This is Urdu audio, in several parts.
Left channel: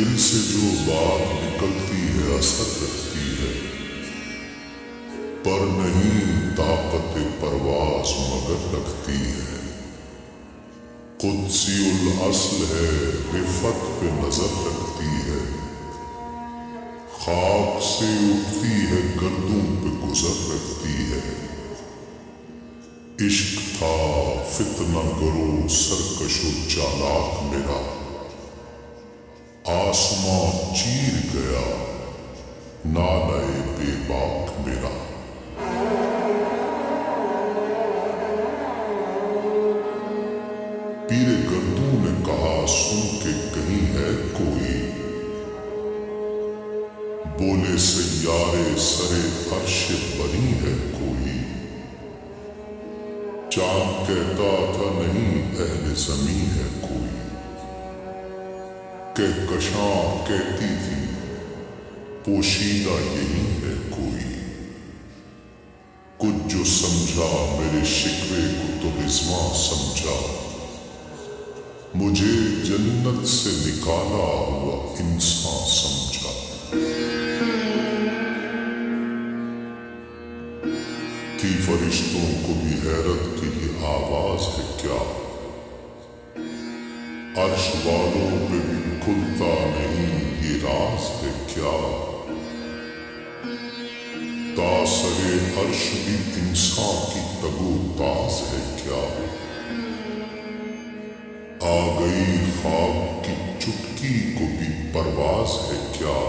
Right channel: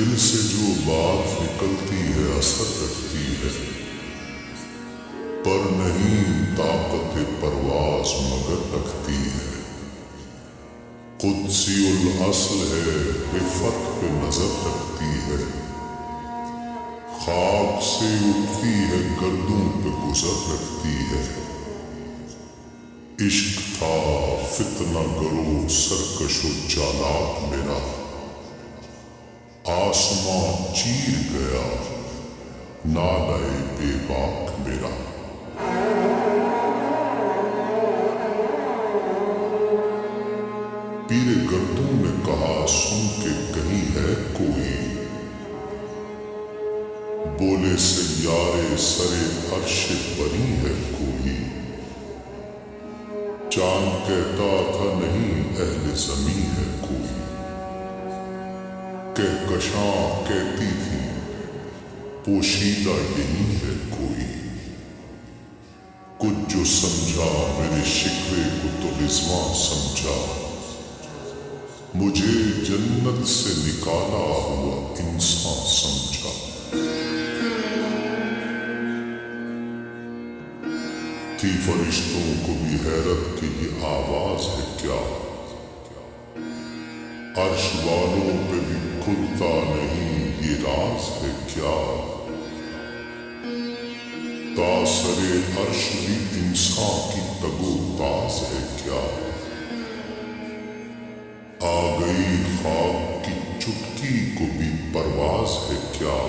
دل سے جو بات نکلتی ہے اثر رکھتی ہے، پر نہیں طاقت پرواز مگر رکھتی ہے۔ قدسی الاصل ہے، رفت پہ نظر رکھتی ہے، خاک سے اٹھتی ہے گردوں پہ گزر رکھتی ہے۔ عشق تھا فتنہ گرو سرکش و چالاک میرا، آسماں چیر گیا نالہ بے باک میرا۔ پیر گردوں نے کہا سن کے کہیں ہے کوئی، بولے سیارے سرے عرش بنی ہے کوئی۔ چاند کہتا تھا نہیں اہل زمیں ہے کوئی، کہکشاں کہتی تھی پوشیدہ یہی ہے کوئی۔ کچھ جو سمجھا میرے شکوے کو تو رضواں سمجھا، مجھے جنت سے نکالا ہوا انسان سمجھا۔ تھی فرشتوں کو بھی حیرت کہ یہ آواز ہے کیا، عرش والوں پہ بھی کھلتا نہیں یہ راز ہے کیا۔ تاثرِ عرش بھی انسان کی تگ و تاز ہے کیا، آ گئی خاک کی چٹکی کو بھی پرواز ہے کیا۔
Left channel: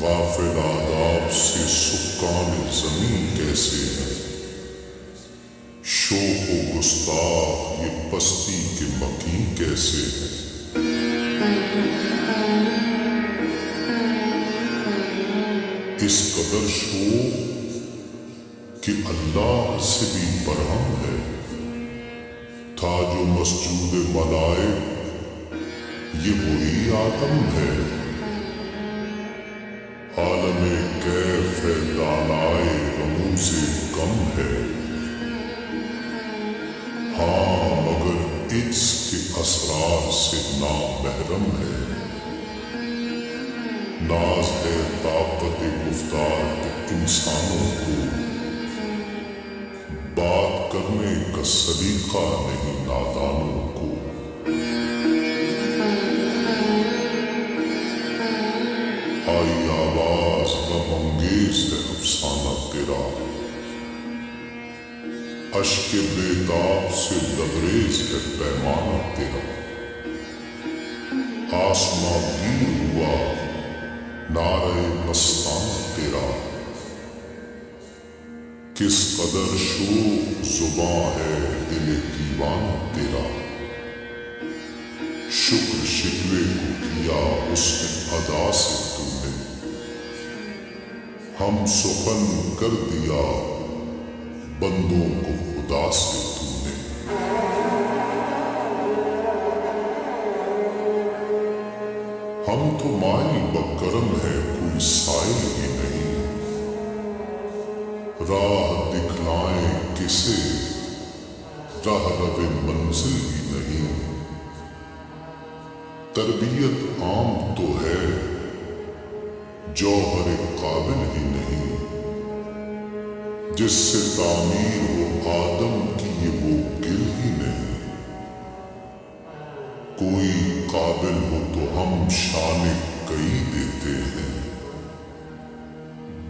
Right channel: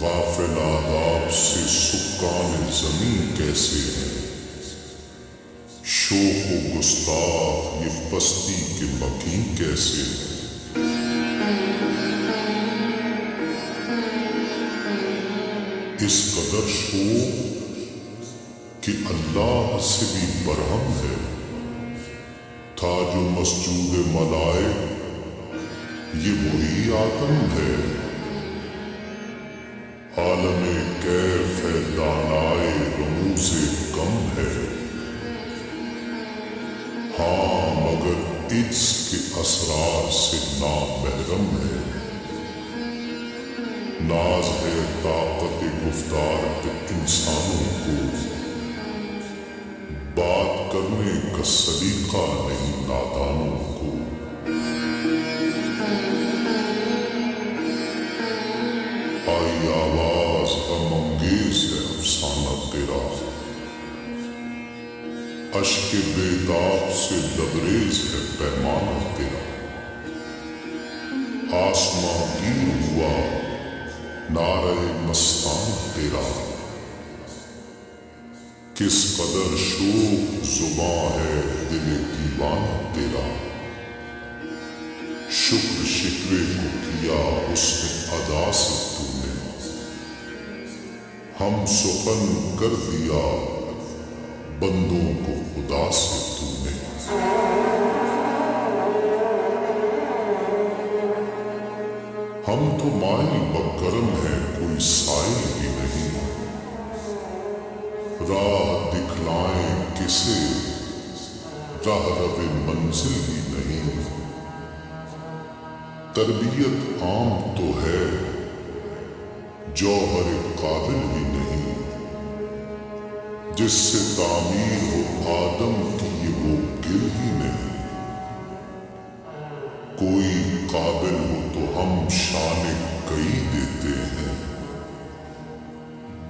غافل آداب سے سکان زمین کیسے ہیں، شوخ و گستاخ یہ پستی کے مکین کیسے ہیں۔ اس قدر شوخ کہ اللہ سے بھی برہم ہے، تھا جو مسجود ملائک یہ وہی آدم ہے۔ عالم کیف ہے دانائے رموز کم ہے، ہاں مگر عجز کے اسرار سے نامحرم ہے۔ ناز ہے طاقت گفتار پہ انسانوں کو، بات کرنے کا سلیقہ نہیں نادانوں کو۔ آئی آواز غم انگیز ہے افسانہ تیرا، اشک بیتاب سے لبریز ہے پیمانہ تیرا۔ آسماں گیر ہوا نعرہ مستانہ تیرا، کس قدر شوخ زباں ہے دل دیوانہ تیرا۔ شکر شکوے کو کیا حسن ادا سے تو نے، ہم سخن کر دیا بندوں کو خدا سے تو نے۔ ہم تو مائل بکرم ہیں کوئی سائل ہی نہیں، راہ دکھلائیں کسے راہ رو منزل ہی نہیں۔ تربیت عام تو ہے جوہر قابل ہی نہیں، جس سے تعمیر ہو آدم کی یہ وہ گل ہی نہیں۔ کوئی قابل ہو تو ہم شان کئی دیتے ہیں،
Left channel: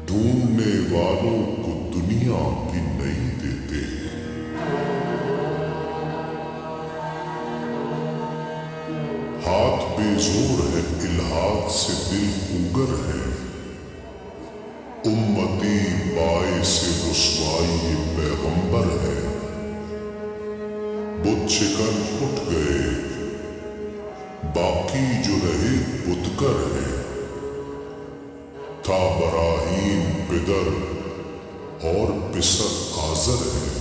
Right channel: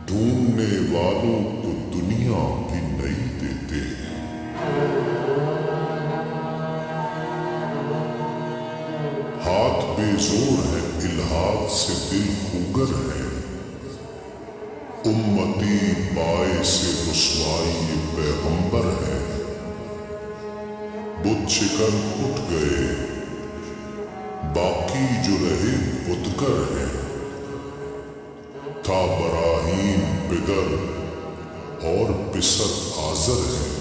ڈھونڈنے والوں کو دنیا بھی نئی دیتے ہیں۔ ہاتھ بے زور ہے الحاد سے دل خوگر ہے، امتی باعث رسوائی پیغمبر ہے۔ بت شکن اٹھ گئے باقی جو رہے بتگر ہیں، تھا براہیم پدر اور پسر آزر ہیں۔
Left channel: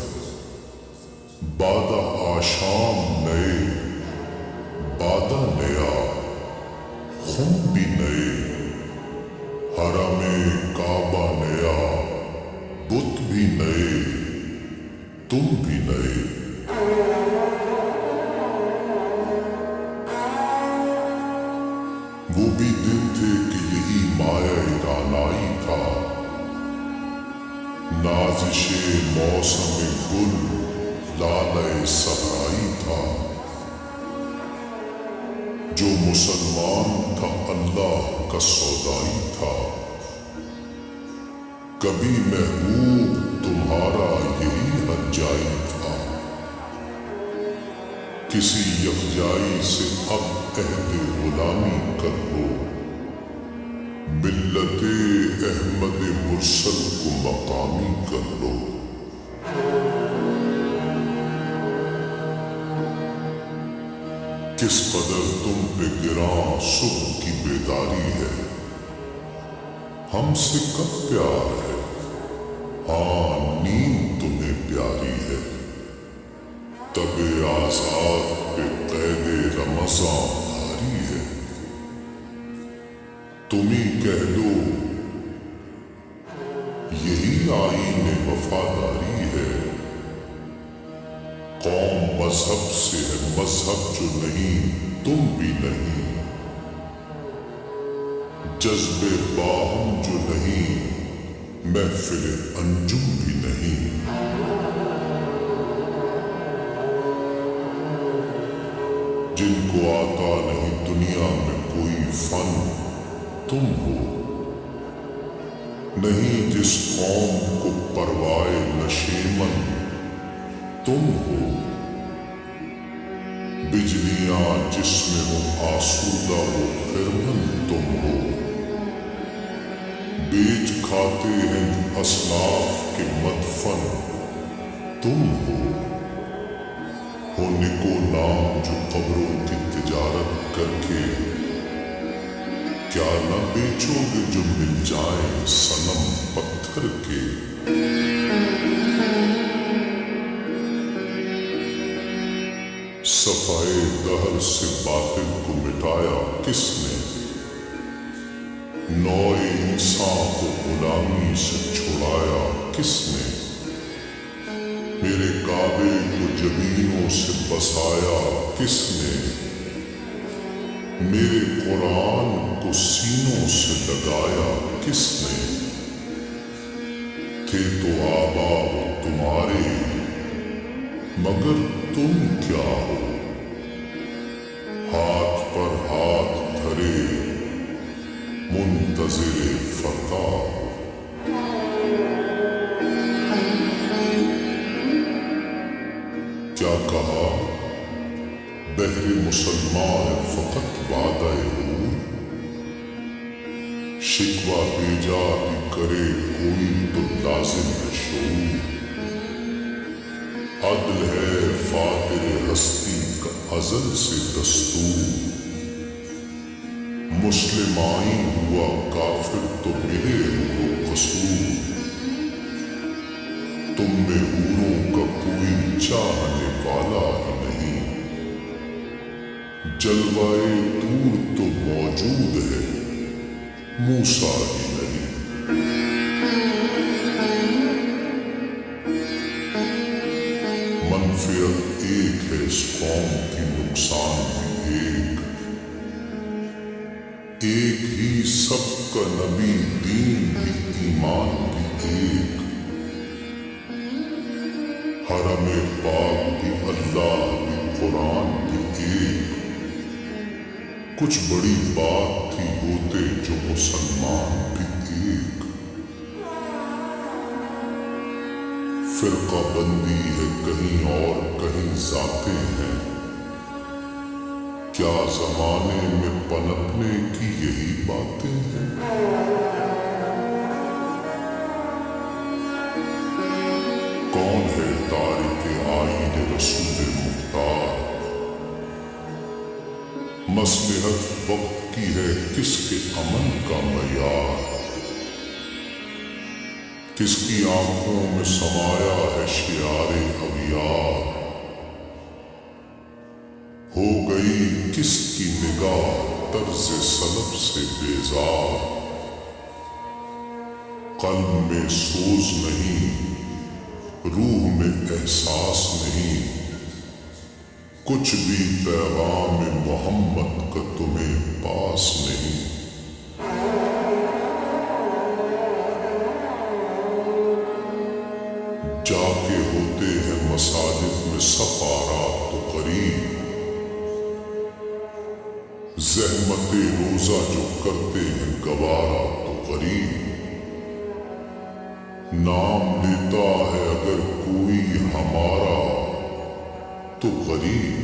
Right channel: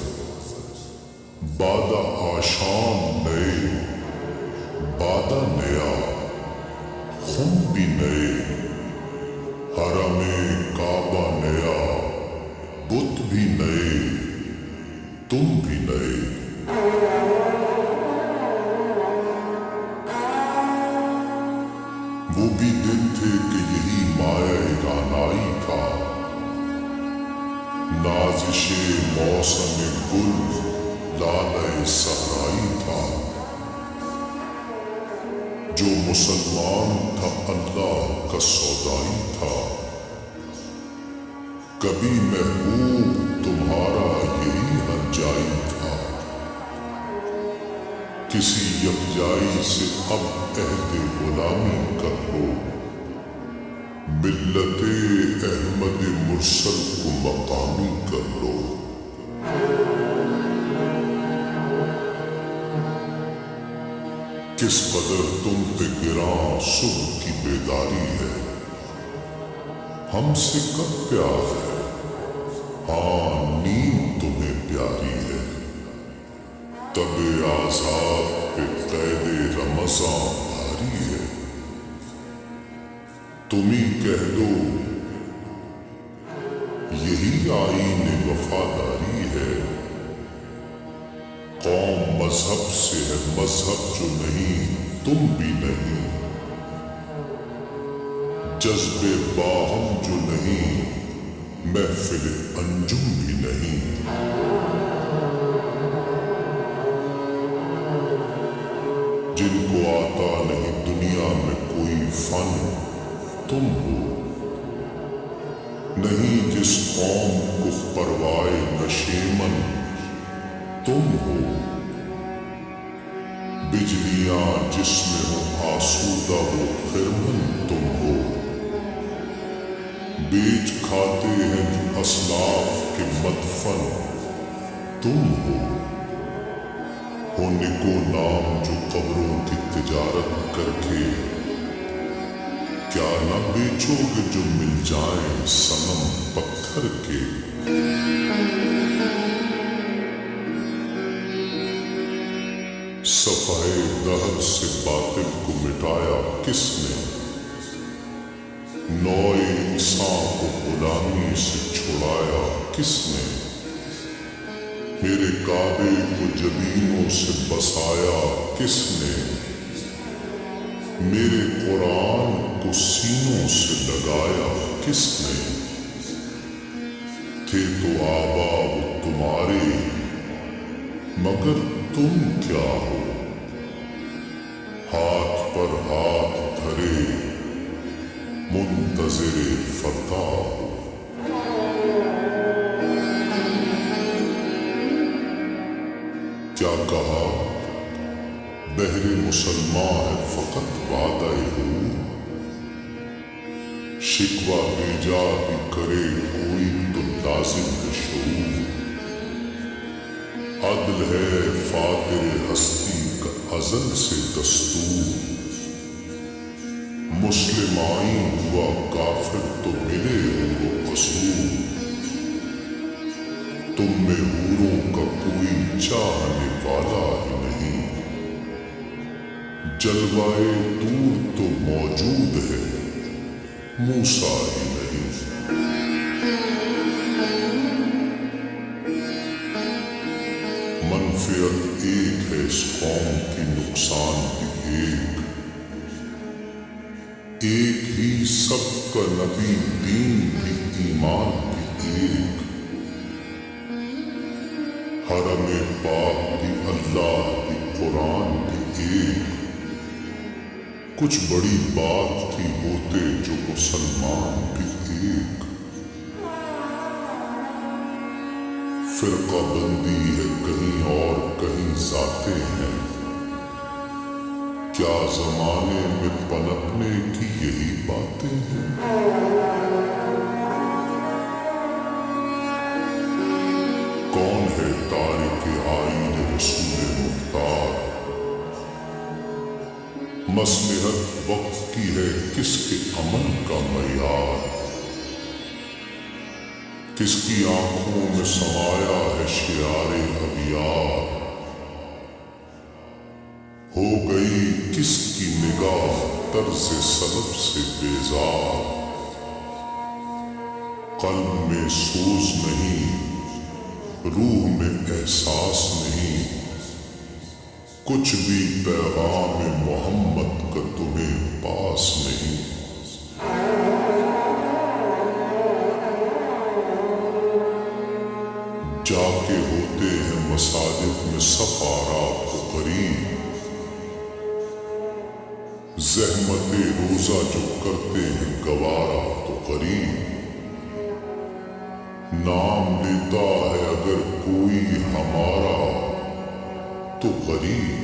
بادہ آشام نئے بادہ نیا، خم بھی نئے حرم کعبہ نیا، بت بھی نئے تم بھی نئے۔ وہ بھی دن تھے کہ یہی مایہ رانائی تھا، نازش موسم گل لالۂ صحرائی تھا۔ جو مسلمان تھا اللہ کا سودائی تھا، کبھی محبوب تمہارا یہی ہر جائی تھا۔ کسی یکجائی سے اب عہد غلامی کر لو، ملت احمد مرسل کو مقامی کر لو۔ کس قدر تم پہ گراں صبح کی بیداری ہے، ہم سے کب پیار ہے، ہاں نیند تمہیں پیاری ہے۔ تب آزاد پہ قید رمضاں بھاری ہے، تم ہی کہہ دو یہی آئین وفاداری ہے۔ قوم مذہب سے ہے مذہب جو نہیں تم بھی نہیں، جذب باہم جو نہیں محفل انجم بھی نہیں۔ جن کو آتا نہیں دنیا میں کوئی فن تم ہو، نہیں جس قوم کو پروائے نشیمن تم ہو۔ بجلیاں جس میں ہو آسودہ وہ خرمن تم ہو، بیچ کھاتے ہیں جو اسلاف کے مدفن تم ہو۔ نکو نام جو قبروں کی تجارت کر کے، کیا نہ بیچو گے جو مل جائیں صنم پتھر کے۔ صفحہ دہر سے باطل کو مٹایا کس نے، نوع انسان کو غلامی سے چھڑایا کس نے۔ میرے کعبے کو جبینوں سے بسایا کس نے، میرے قرآن کو سینوں سے لگایا کس نے۔ تھے تو آبا وہ تمہارے مگر تم کیا ہو، ہاتھ پر ہاتھ دھرے منتظر فردا ہو۔ کیا کہا بہر مسلمان ہے فقط وعدہ حور، شکوہ بیجا بھی کرے کوئی تو لازم ہے شعور۔ عدل ہے فاتر ہستی کا ازل سے دستور، مسلم آئین ہوا کافر تو ملے حور و قصور۔ تم میں حوروں کا کوئی چاہنے والا ہی نہیں، جلوائے طور تو موجود ہے موسیٰ ہی نہیں۔ منفعت ایک ہے اس قوم کی نقصان بھی ایک ہی سب کا نبی دین بھی ایمان بھی ایک۔ حرم پاک بھی اللہ بھی قرآن بھی ایک، کچھ بڑی بات تھی ہوتے جو مسلمان بھی ایک۔ فرقہ بندی ہے کہیں اور کہیں ذاتیں ہیں، کیا زمانے میں پنپنے کی یہی باتیں ہیں۔ کون ہے تارک آئین رسول مختار، مصلحت وقت کی ہے کس کے عمل کا معیار۔ کس کی آنکھوں میں سمایا ہے شعار اغیار، ہو گئی کس کی نگاہ طرز سلف سے بیزار۔ قلب میں سوز نہیں روح میں احساس نہیں، کچھ بھی پیغام محمد کا تمہیں پاس نہیں۔ جا کے ہوتے ہیں مساجد میں سفارات تو قریب، زحمت روزہ جو کرتے ہیں گوارا تو قریب، نام لیتا ہے اگر کوئی ہمارا تو غریب،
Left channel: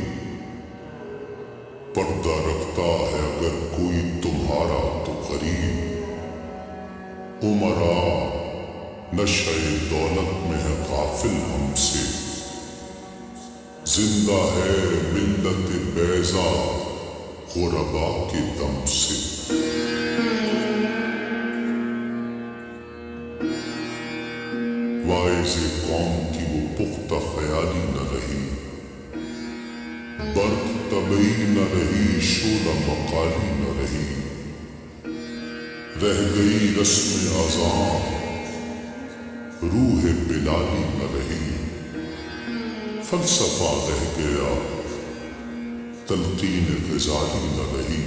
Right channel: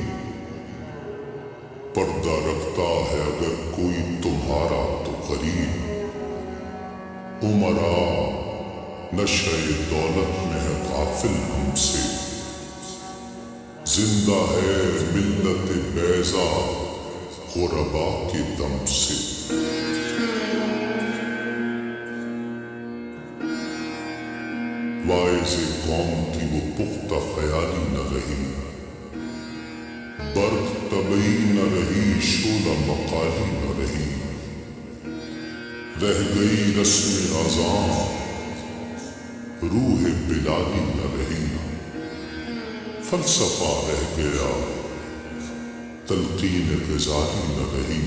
پردہ رکھتا ہے اگر کوئی تمہارا تو غریب، عمراء نشہ دولت میں ہے غافل ہم سے، زندہ ہے ملت بیضا غربا کے دم سے۔ واعظ قوم کی وہ پختہ خیالی نہ رہی، برق طبعی نہ رہی، شعلہ مقالی نہ رہی، رہ گئی رسم اذان روح بلالی نہ رہی، فلسفہ رہ گیا تلقین غزالی نہ رہی،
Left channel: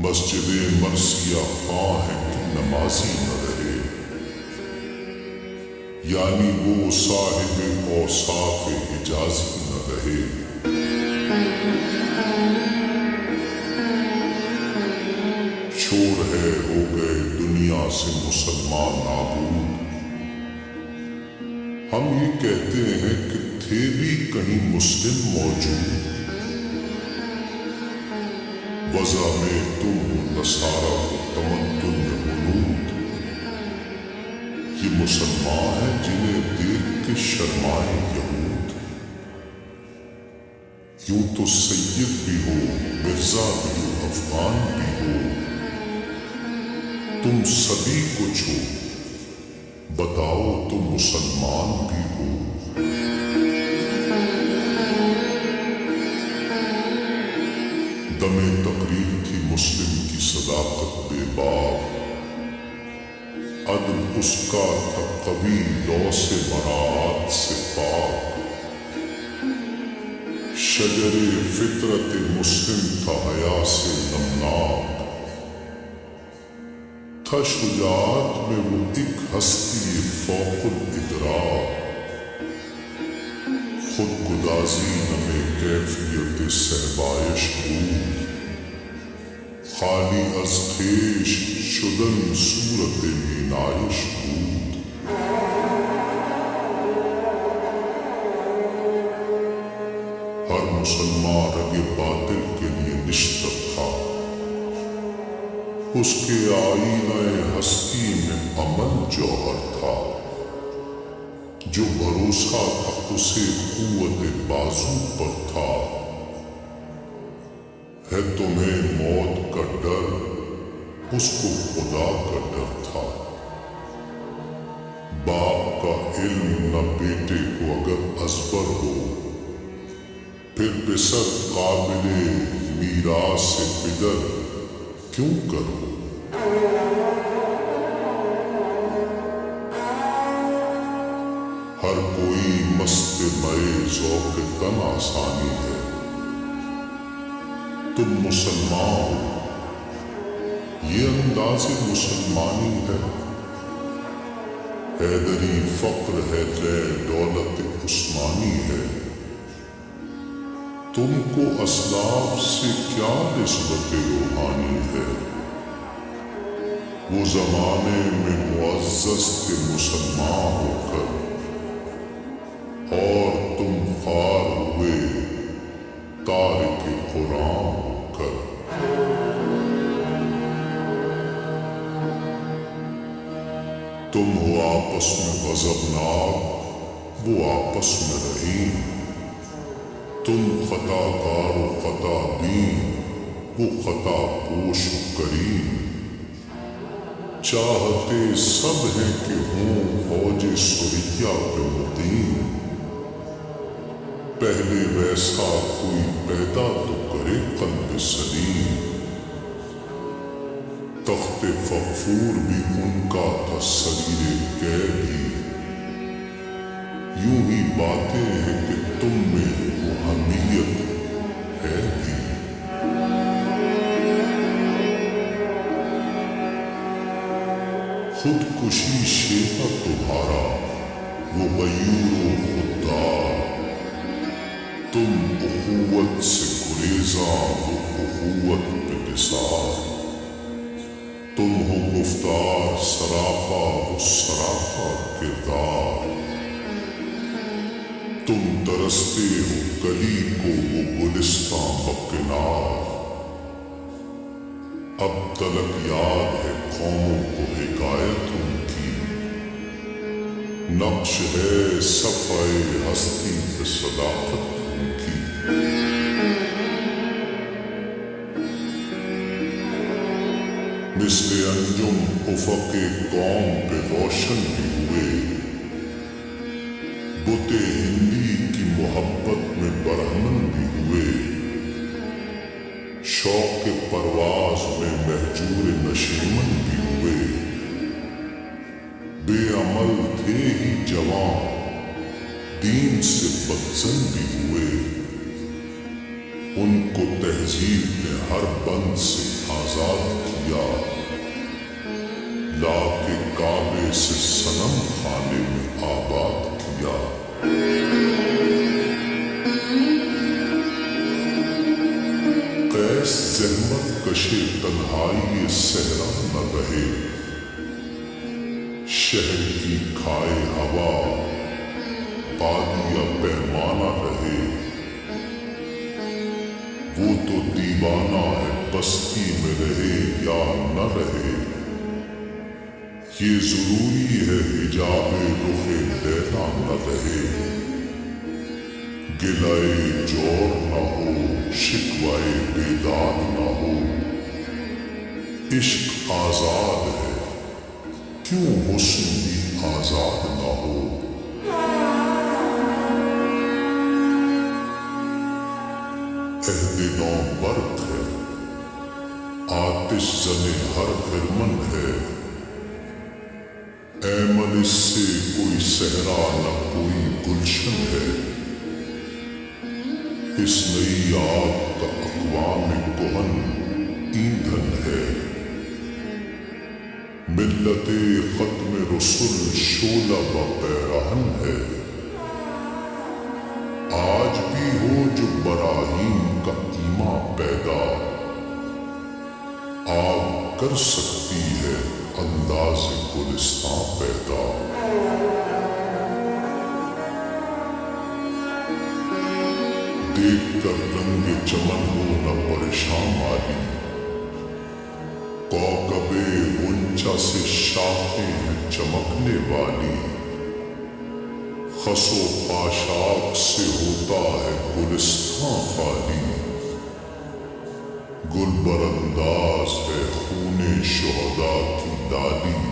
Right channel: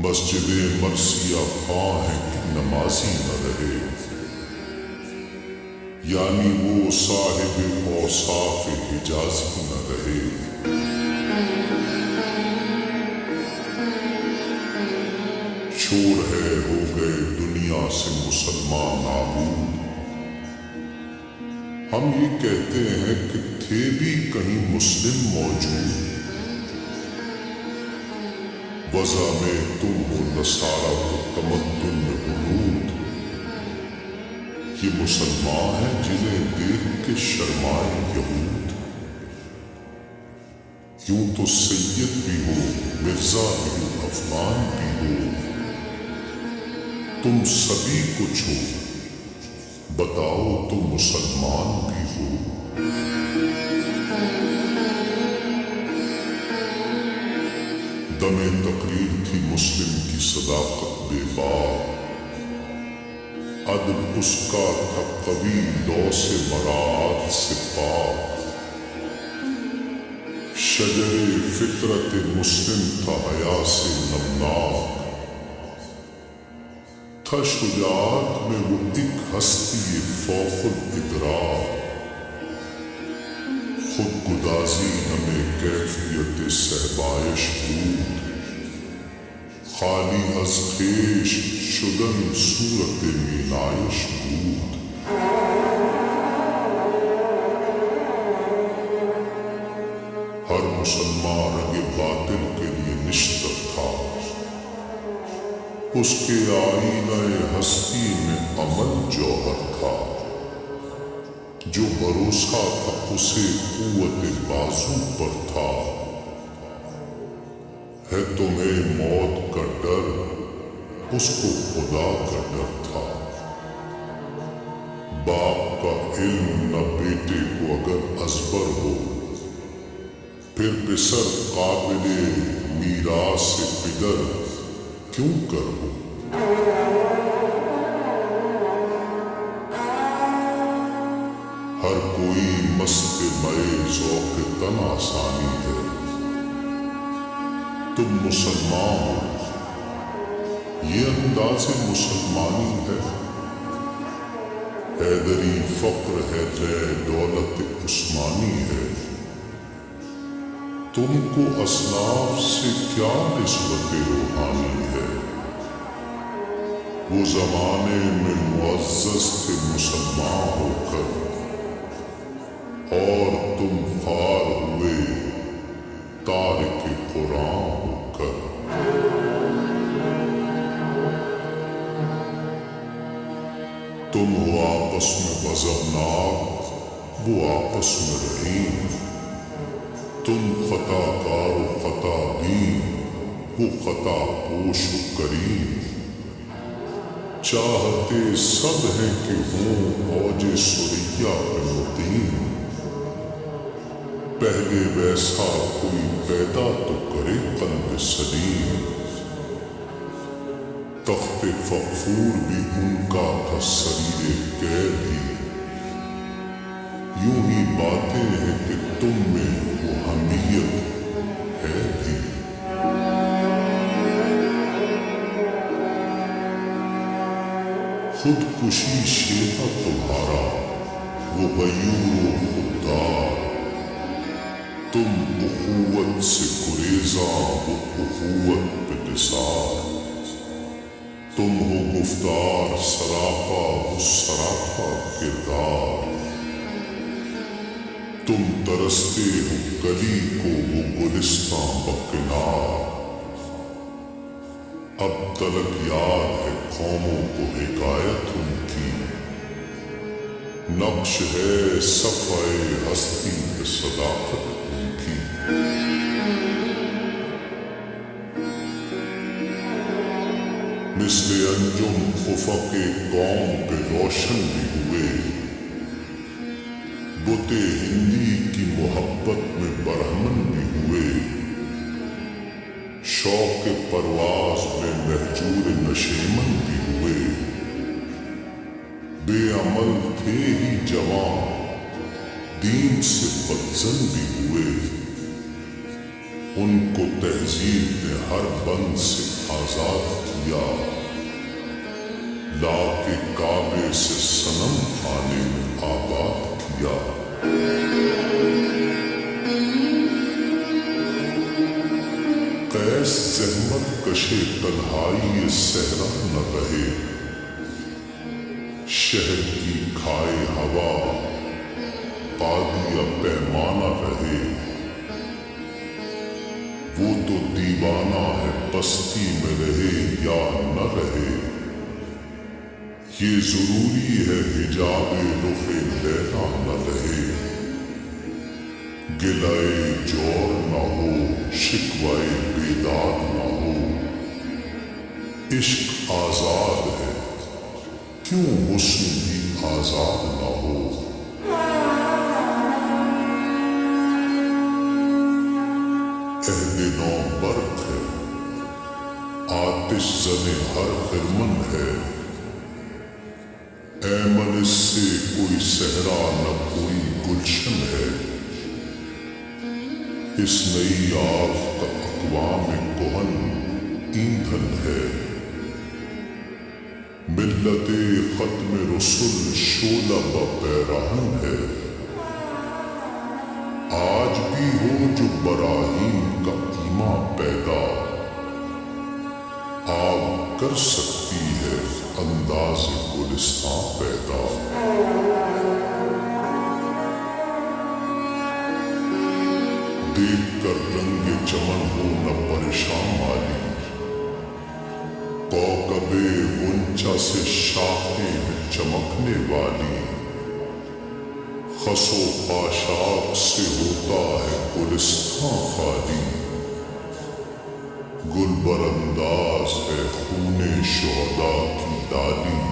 مسجد مرثیہ خواہ ہے کہ نمازی نہ رہے، یعنی وہ صاحب اوصاف حجازی نہ رہے۔ شور ہے ہو گئے دنیا سے مسلمان نابود، ہم یہ کہتے ہیں کہ تھے بھی کہیں مسلم موجود، وضع میں تم ہو نصارہ کو تمدن میں غنود، یہ مسلمان ہیں جنہیں دیکھ کے شرمائیں یہود، یوں تو سید بھی ہو مرزا بھی ہو افغان بھی ہو، تم سبھی کچھ ہو بتاؤ تو مسلمان بھی ہو۔ دم تقریر تھی مسلم کی صداقت بے باک، عدل اس کا تھا قوی لو سے مراعات سے پاک، شجر فطرت مسلم تھا حیا سے نمناک، تھا شجاعت میں وہ ایک ہستی فوق الادراک، خود گدازی نمے کیفیت صحبایش بود، خالی از خویش شدن صورت مینایش بود۔ ہر مسلمان رگ باطل کے لیے نشتر تھا، اس کے آئینہ ہستی میں عمل جوہر تھا، جو بھروسہ تھا اسے قوت بازو پر تھا، ہے تمہیں موت کا ڈر اس کو خدا کا ڈر تھا، باپ کا علم نہ بیٹے کو اگر ازبر ہو، پھر پسر قابل میراث پدر کیوں کر ہو۔ ہر کوئی مست مئے ذوق تن آسانی ہے، تم مسلمان ہو یہ انداز مسلمانی ہے، حیدری فقر ہے لے دولت عثمانی ہے، تم کو اسلاف سے کیا نسبت روحانی ہے، وہ زمانے میں معزز تھے مسلمان ہو کر، اور تم خوار ہوئے تارک قرآن ہو کر۔ تم ہو آپس میں غضبناک وہ آپس میں رحیم، تم خطا کار و خطا بین وہ خطا پوش و کریم، چاہتے سب ہیں کہ ہوں اوج سریا پہ مقیم، پہلے ویسا کوئی پیدا تو کرے قلب سلیم، تخت فغفور بھی ان کا تھا سریر قید ہی، یوں ہی باتیں ہیں کہ تم میں وہ ہمیں خود کشی شیوا تمہارا وہ غیور و خوددار، تم اخوت سے گریزاں وہ اخوت پہ نثار، تم ہو گفتار سراپا وہ سراپا کردار، تم ترستے ہو کلی کو وہ گلستاں بکنار، اب تلک یاد ہے قوموں کو حکایت ان کی، نقش ہے صفحہ ہستی پہ صداقت ان کی۔ مثل انجم افق قوم پہ روشن بھی ہوئے، بت ہندی کی محبت میں برہمن بھی ہوئے، شوق پرواز میں مہجور نشیمن بھی ہوئے، بے عمل تھے ہی جوان دین سے بدظن بھی ہوئے، ان کو تہذیب نے ہر بند سے آزاد کیا، لا کے کعبے سے صنم خانے میں آباد کیا۔ قیس زحمت کشے تنہائی صحرا نہ رہے، شہر کی کھائے ہوا بادیہ پیمانہ رہے، وہ تو دیوانہ ہے بستی میں رہے یا نہ رہے، یہ ضروری ہے حجاب رخ لیلا نہ رہے، گلائے جور نہ ہو شکوائے بیداد نہ ہو، عشق آزاد ہے کیوں حسن بھی آزاد نہ ہو۔ عہد نو برق ہے آتش زنے ہر خرمن ہے، ایمن اس سے کوئی صحرا نہ کوئی گلشن ہے، اس نئی آگ کا اقوام کہن ایندھن ہے، ملت ختم رسل شعلہ بہ پیراہن ہے، آج بھی ہو جو براہیم کا ایماں پیدا، آگ کر سکتی ہے انداز گلستاں پیدا۔ دیکھ کر رنگ چمن ہو نہ پریشان مالی، کوکب غنچہ سے شاخیں ہیں چمکنے والی، خس و خاشاک سے ہوتا ہے گلستاں خالی، گل برانداز ہے خون شہداء کی ڈالی،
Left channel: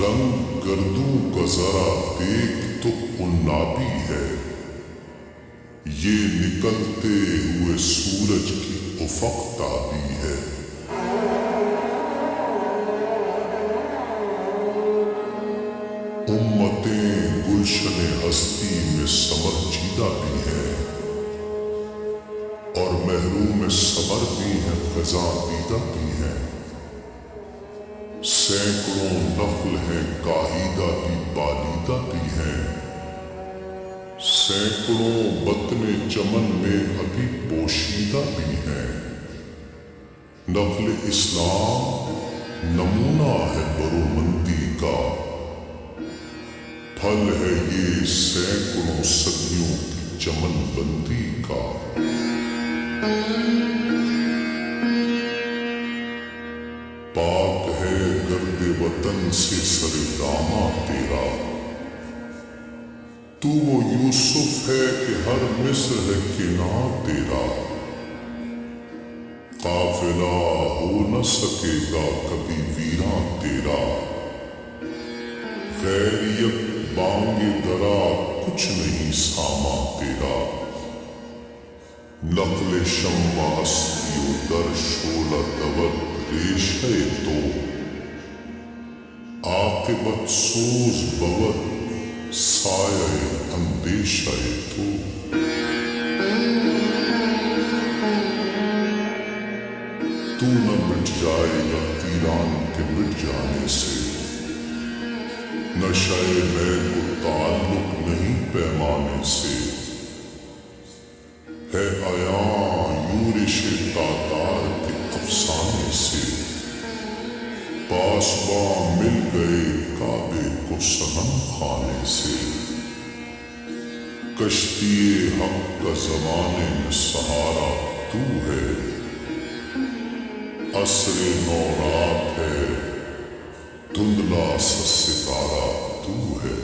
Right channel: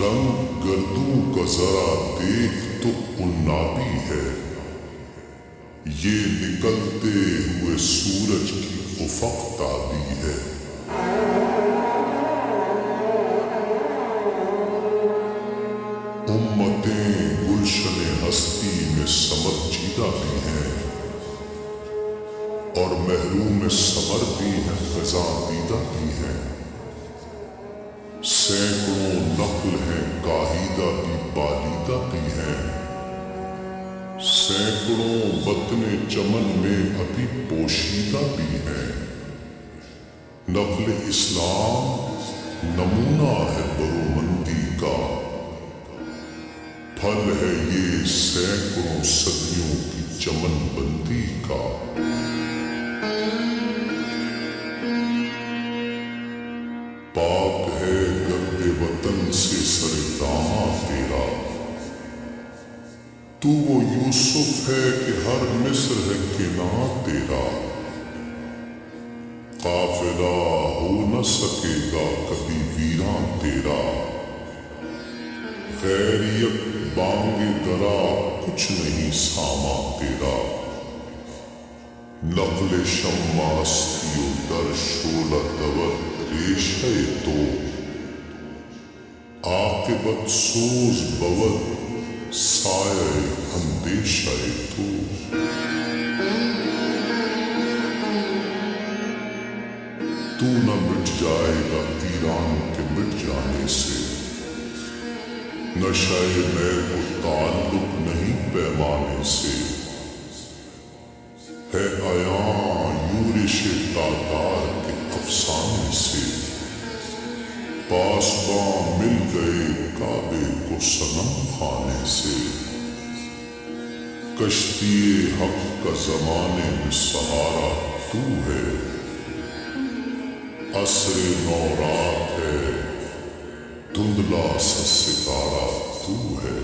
رنگ گردوں کا ذرا دیکھ تو عنابی ہے، یہ نکلتے ہوئے سورج کی افق تابی ہے۔ امتیں گلشن ہستی میں سمر چیدہ بھی ہیں، اور محروم صبر بھی ہیں خزاں دیدہ بھی ہیں، سینکڑوں نخل ہیں کاہیدہ بھی بالیدہ بھی ہیں، سینکڑوں بطن چمن میں ابھی پوشیدہ بھی ہیں، نقل اسلام نمونہ ہے برومندی کا، پھل ہے یہ سینکڑوں صدیوں کی چمن بندی کا۔ پاک ہے گرد وطن سے سر داماں تیرا، تو وہ یوسف ہے کہ ہر مصر ہے کناں تیرا، قافلہ ہو نہ سکے گا کبھی ویراں تیرا، خیریت بانگ درا کچھ نہیں ساما تیرا، نقل شماستی و در شعلہ دود ریشہ تو، عاقبت سوز بود سایہ اندیشہ تو۔ تو نہ مٹ جائے گا ایران کے مٹ جانے سے، نشہ میں کو تعلق نہیں پیمانے سے، ہے عیاں یورش تاتار کے افسانے سے، پاسباں مل گئے کعبے کو صنم خانے سے، کشتی حق کا زمانے میں سہارا تو ہے، عصر نو رات ہے دھندلا سا ستارہ تو ہے،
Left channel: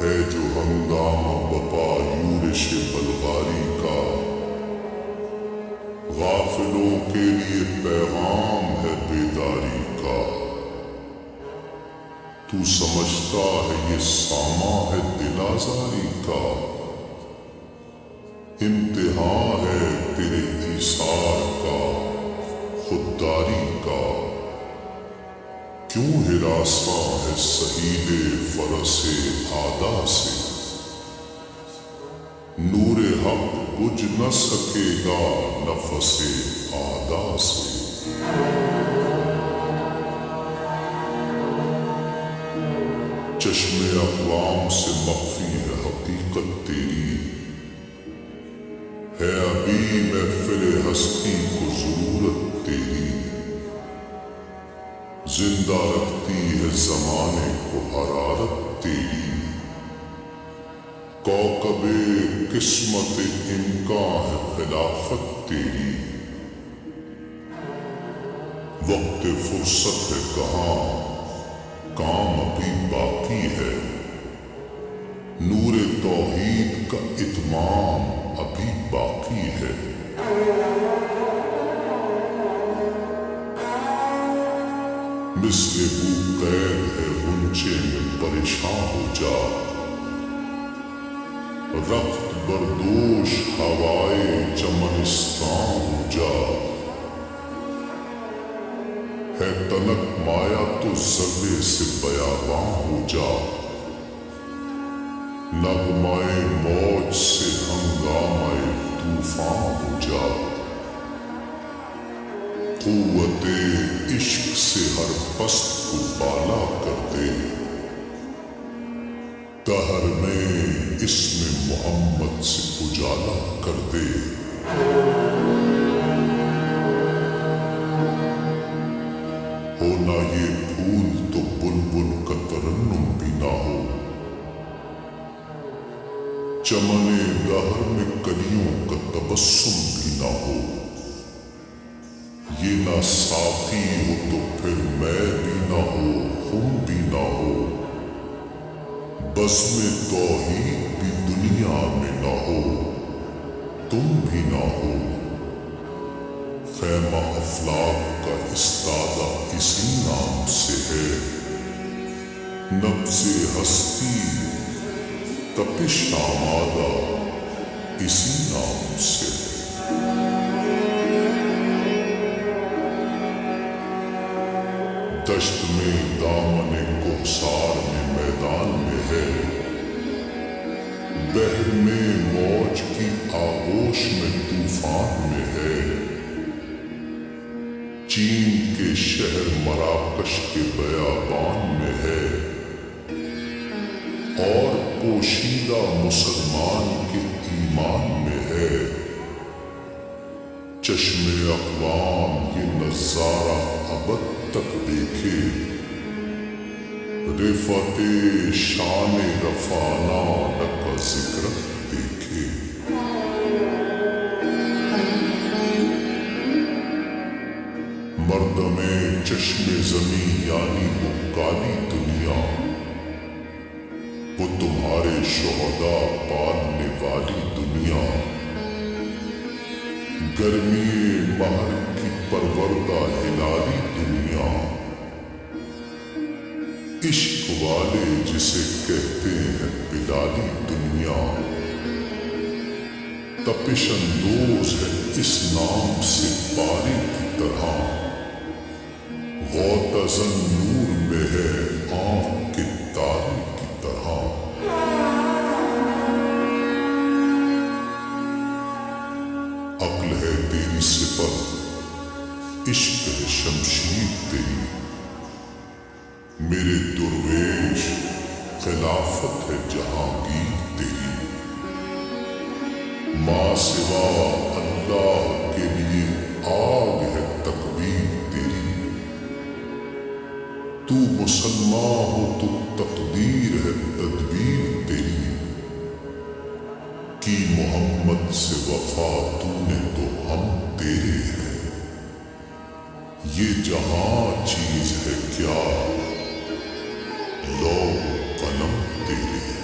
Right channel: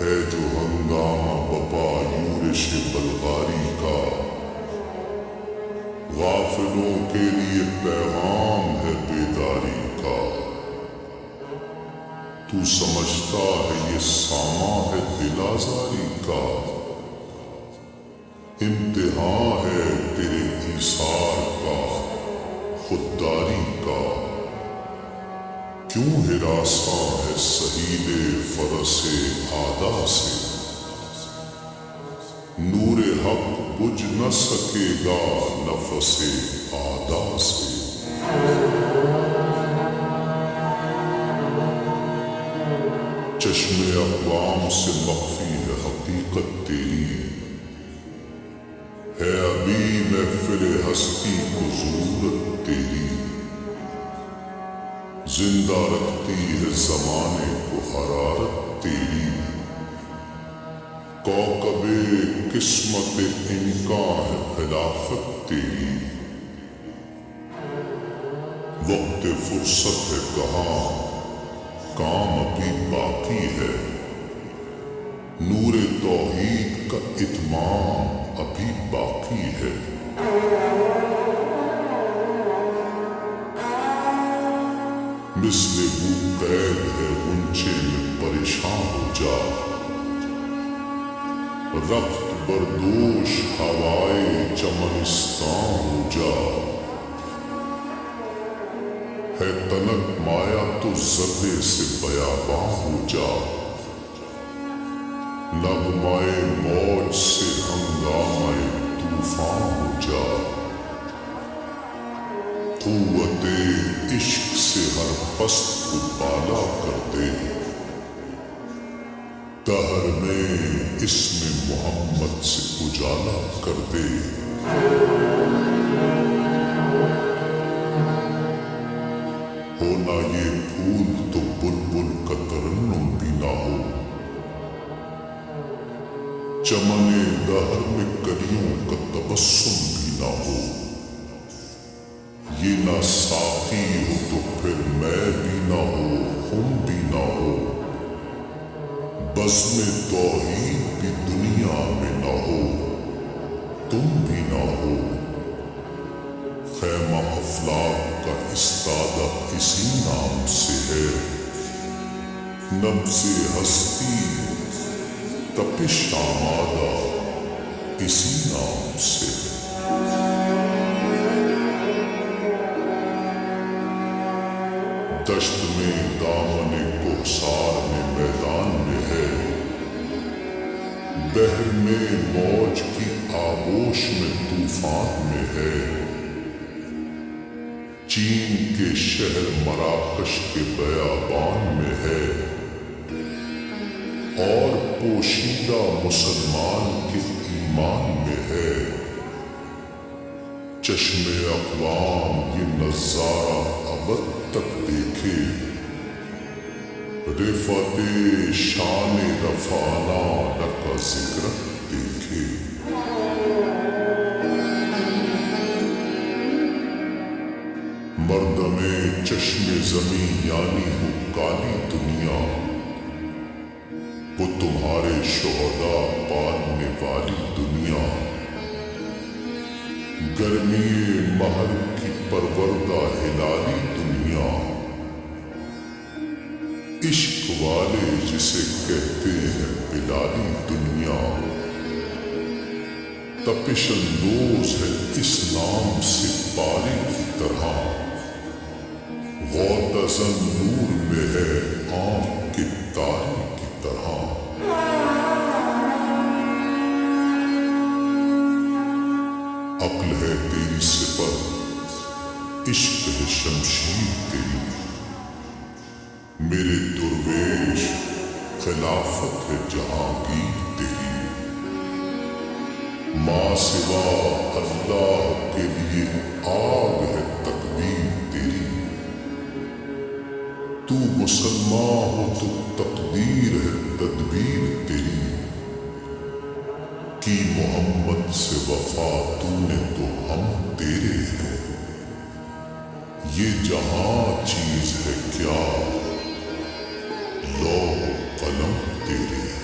ہے جو ہنگامہ بپا یورش بلغاری کا، غافلوں کے لیے پیغام ہے بیداری کا، تو سمجھتا ہے یہ ساماں ہے دل آزاری کا، امتحان ہے تیرے ایثار کا خودداری کا، کیوں ہراساں ہے سہیل فرس عادا سے، نور حق بجھ نہ سکے گا نفس اعدا سے، چشم اقوام سے مخفی ہے حقیقت تیری، ہے ابھی محفل ہستی کو ضرورت تیری، زندہ رکھتی ہے زمانے کو حرارت تیری، کوكب قسمت امکان ہے خلافت تیری، وقت فرصت ہے کہاں کام ابھی باقی ہے، نور توحید کا اتمام ابھی باقی ہے، مثل بو قید ہے غنچے میں پریشاں ہو جا، رخت بردوش ہوائے چمنستان ہو جا، ہے تنک مایا تو ذرے سے بیاباں ہو جا، نغمۂ موج سے ہنگامۂ طوفاں ہو جا، قوت عشق سے ہر پست کو بالا کر دے، دہر میں اسم محمد سے اجالا کر دے، ہونا یہ پھول تو بلبل کا ترنم بھی نہ ہو، چمن دہر میں کلیوں کا تبسم بھی نہ ہو، یہ نہ ساقی ہو تو پھر میں بھی نہ ہو خم بھی نہ ہو، بزم توحید بھی دنیا میں نہ ہو تم بھی نہ ہو، خیمہ افلاک کا استادہ اسی نام سے ہے، نبض ہستی تپش آمادہ اسی نام سے ہے، دشت میں دامن کوہسار میں میدان میں ہے، بحر میں موج کی آغوش میں طوفان میں ہے، چین کے شہر مراکش کے بیابان میں ہے، اور پوشیدہ مسلمان کے ایمان میں ہے، چشم اقوام یہ نظارہ ابد تک دیکھے، رفعت شان رفعنا لک ذکرک دیکھے، مردم چشم زمیں یعنی وہ کالی دنیا، وہ تمہارے شہداء پالنے والی دنیا، گرمی مہر کی پروردہ ہلالی دنیا، عشق والے جسے کہتے ہیں بلالی دنیا، تپش اندوز ہے اس نام سے پاری کی طرح، غوطہ نور میں ہے آنکھ کے تارے کی طرح، عقل ہے تیری سپر، عشق ہے شمشیر تیری، میرے درویش خلافت ہے جہانگیر تیری، ماں سوا اللہ کے لیے آگ ہے تکبیر تیری، تو مسلمان ہو تو تقدیر ہے تدبیر تیری، کی محمد سے وفا تو نے تو ہم تیرے ہیں، یہ جہاں چیز ہے کیا لوح و قلم تیرے ہیں۔